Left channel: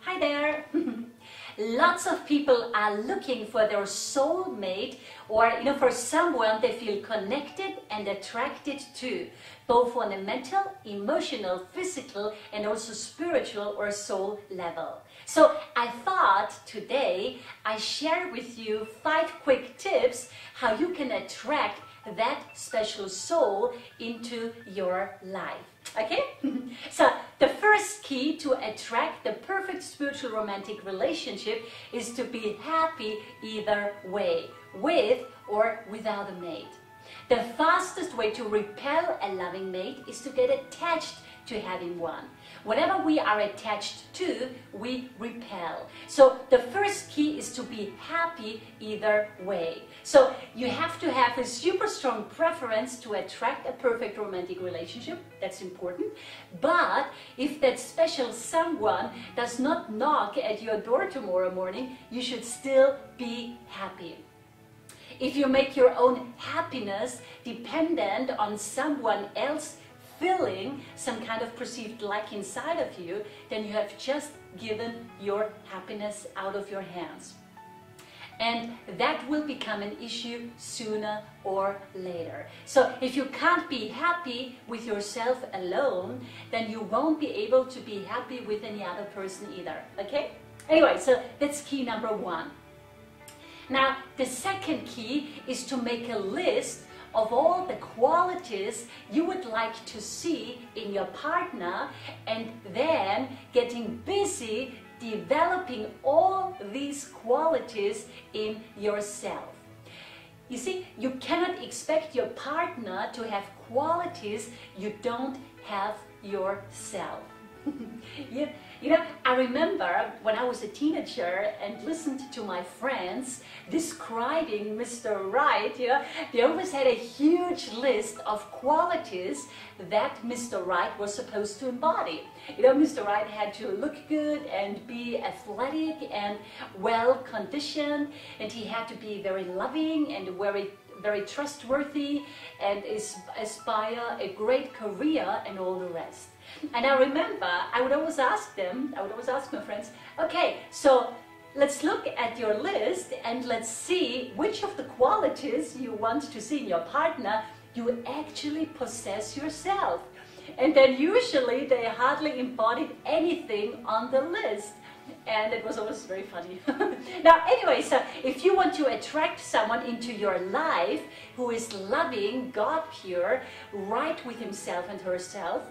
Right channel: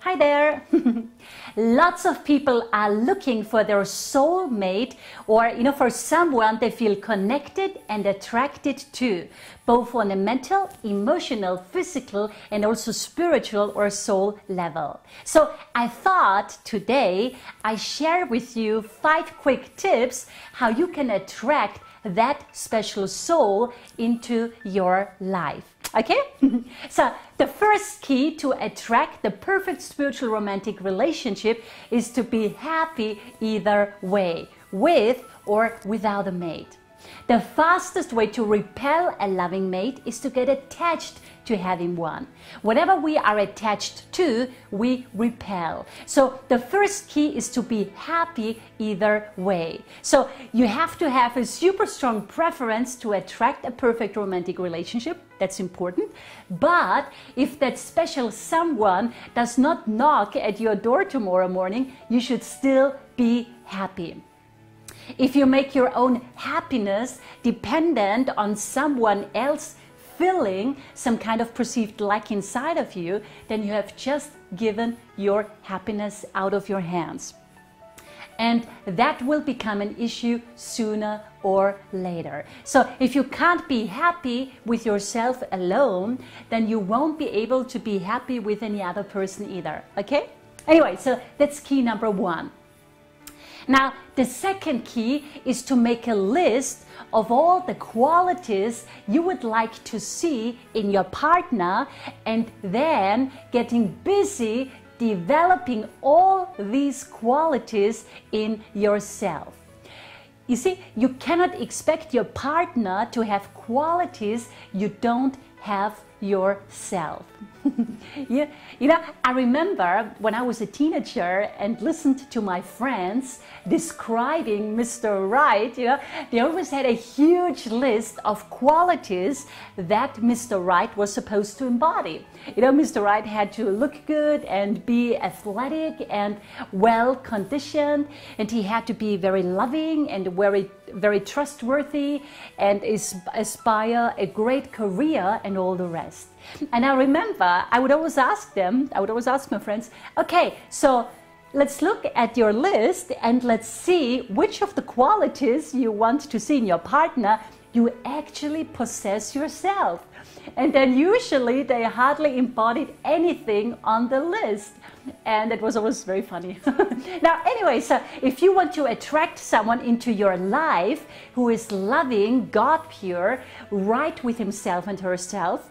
Hi there! Lots of people are looking for their soulmate or, for someone they feel connected and attracted to, both on a mental, emotional, physical, and also spiritual or soul level. So I thought today I share with you 5 quick tips how you can attract that special soul into your life. Okay? So the first key to attract the perfect spiritual romantic relationship is to be happy either way, with or without a mate. The fastest way to repel a loving mate is to get attached to having one. Whatever we are attached to, we repel. So the first key is to be happy either way. So you have to have a super strong preference to attract a perfect romantic relationship. That's important. But if that special someone does not knock at your door tomorrow morning, you should still be happy. If you make your own happiness dependent on someone else filling some kind of perceived lack inside of you, then you have just given your happiness out of your hands. And that will become an issue sooner or later. So if you can't be happy with yourself alone, then you won't be able to be happy with any other person either. Okay? Anyway, so that's key number 1. Now, the second key is to make a list of all the qualities you would like to see in your partner, and then getting busy developing all these qualities in yourself. You see, you cannot expect your partner to have qualities you don't have yourself. I remember when I was a teenager and listened to my friends describing Mr. Right, they always had a huge list of qualities that Mr. Right was supposed to embody. Mr. Right had to look good and be athletic and well conditioned, and he had to be very loving and very trustworthy and aspire a great career and all the rest. And I remember I would always ask my friends, okay, so let's look at your list and let's see which of the qualities you want to see in your partner you actually possess yourself. And then usually they hardly embodied anything on the list. And it was always very funny. Now, anyway, so if you want to attract someone into your life who is loving, God pure, right with himself and herself,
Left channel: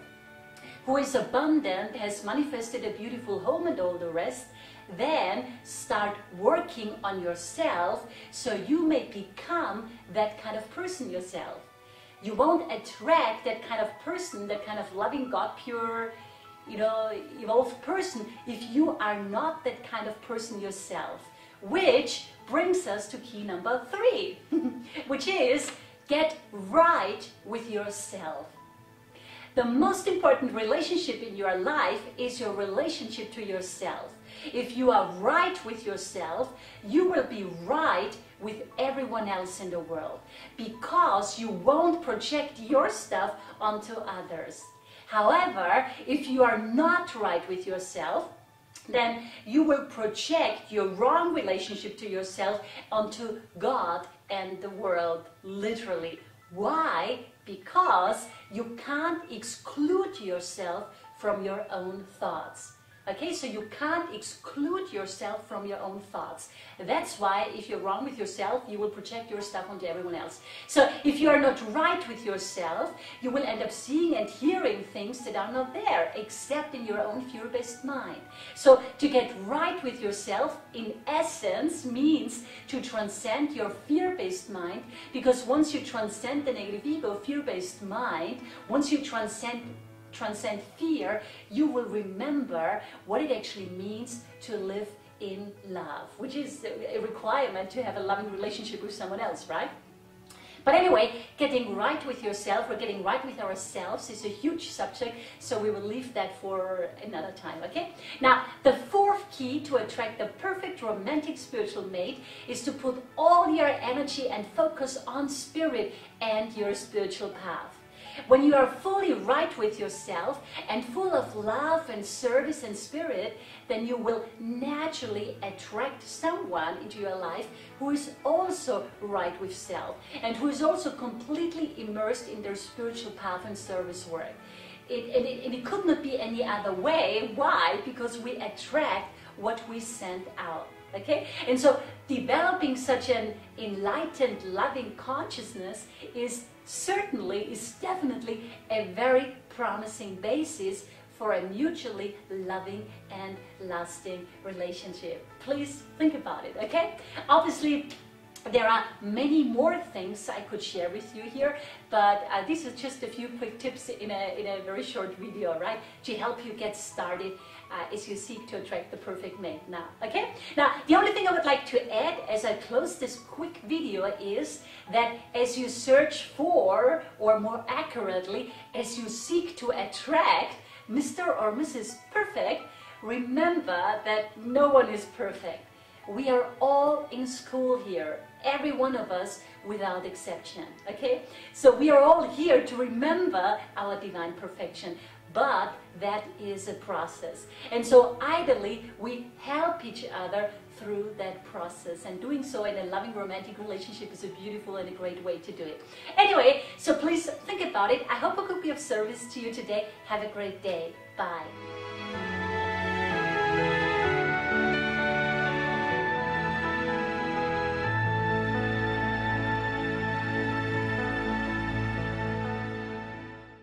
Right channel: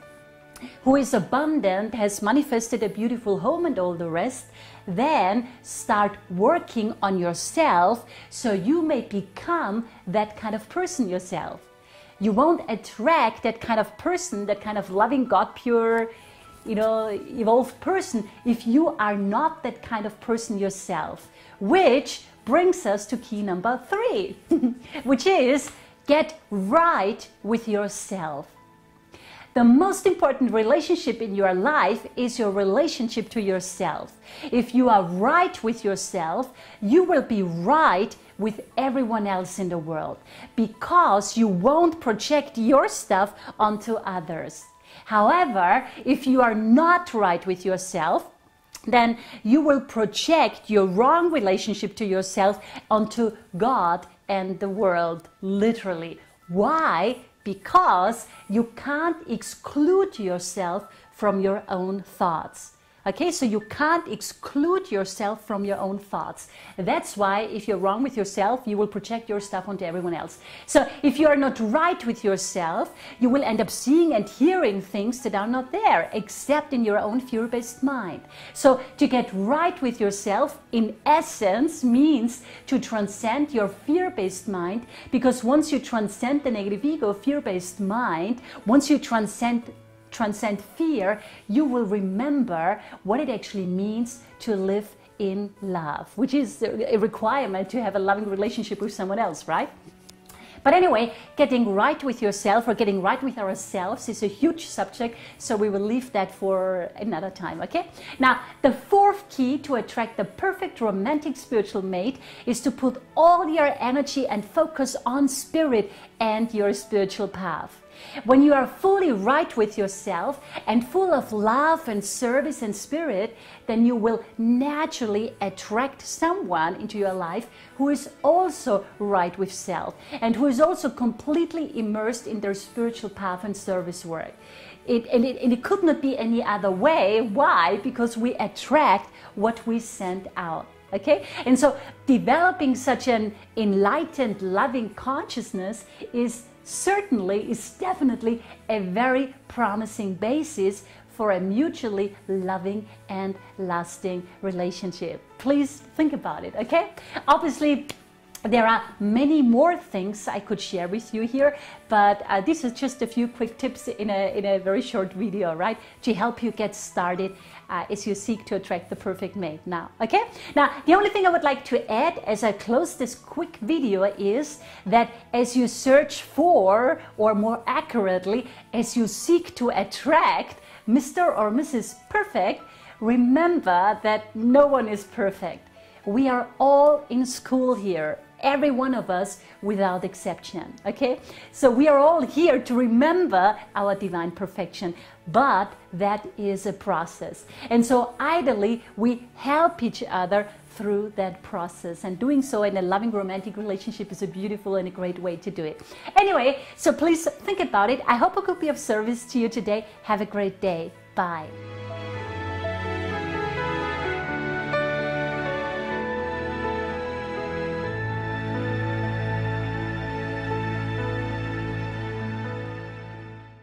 who is abundant, has manifested a beautiful home and all the rest, then start working on yourself so you may become that kind of person yourself. You won't attract that kind of person, that kind of loving, God pure, evolved person if you are not that kind of person yourself. Which brings us to key number 3, which is get right with yourself. The most important relationship in your life is your relationship to yourself. If you are right with yourself, you will be right with everyone else in the world, because you won't project your stuff onto others. However, if you are not right with yourself, then you will project your wrong relationship to yourself onto God and the world, literally. Why? Because you can't exclude yourself from your own thoughts. Okay, so you can't exclude yourself from your own thoughts. That's why if you're wrong with yourself, you will project your stuff onto everyone else. So if you are not right with yourself, you will end up seeing and hearing things that are not there, except in your own fear-based mind. So to get right with yourself, in essence, means to transcend your fear-based mind, because once you transcend the negative ego, fear-based mind, once you transcend fear, you will remember what it actually means to live in love, which is a requirement to have a loving relationship with someone else, right? But anyway, getting right with yourself or getting right with ourselves is a huge subject, so we will leave that for another time, okay? Now, the 4th key to attract the perfect romantic spiritual mate is to put all your energy and focus on spirit and your spiritual path. When you are fully right with yourself and full of love and service and spirit, then you will naturally attract someone into your life who is also right with self and who is also completely immersed in their spiritual path and service work. It could not be any other way. Why? Because we attract what we send out. Okay? And so developing such an enlightened, loving consciousness is definitely a very promising basis for a mutually loving and lasting relationship. Please think about it, okay? Obviously, there are many more things I could share with you here, but this is just a few quick tips in a very short video, right? To help you get started as you seek to attract the perfect mate now, okay? Now, the only thing I would like to add as I close this quick video is that as you search for, or more accurately, as you seek to attract Mr. or Mrs. Perfect, remember that no one is perfect. We are all in school here, every one of us without exception, okay? So we are all here to remember our divine perfection, but that is a process. And so ideally, we help each other through that process, and doing so in a loving romantic relationship is a beautiful and a great way to do it. Anyway, so please think about it. I hope I could be of service to you today. Have a great day. Bye.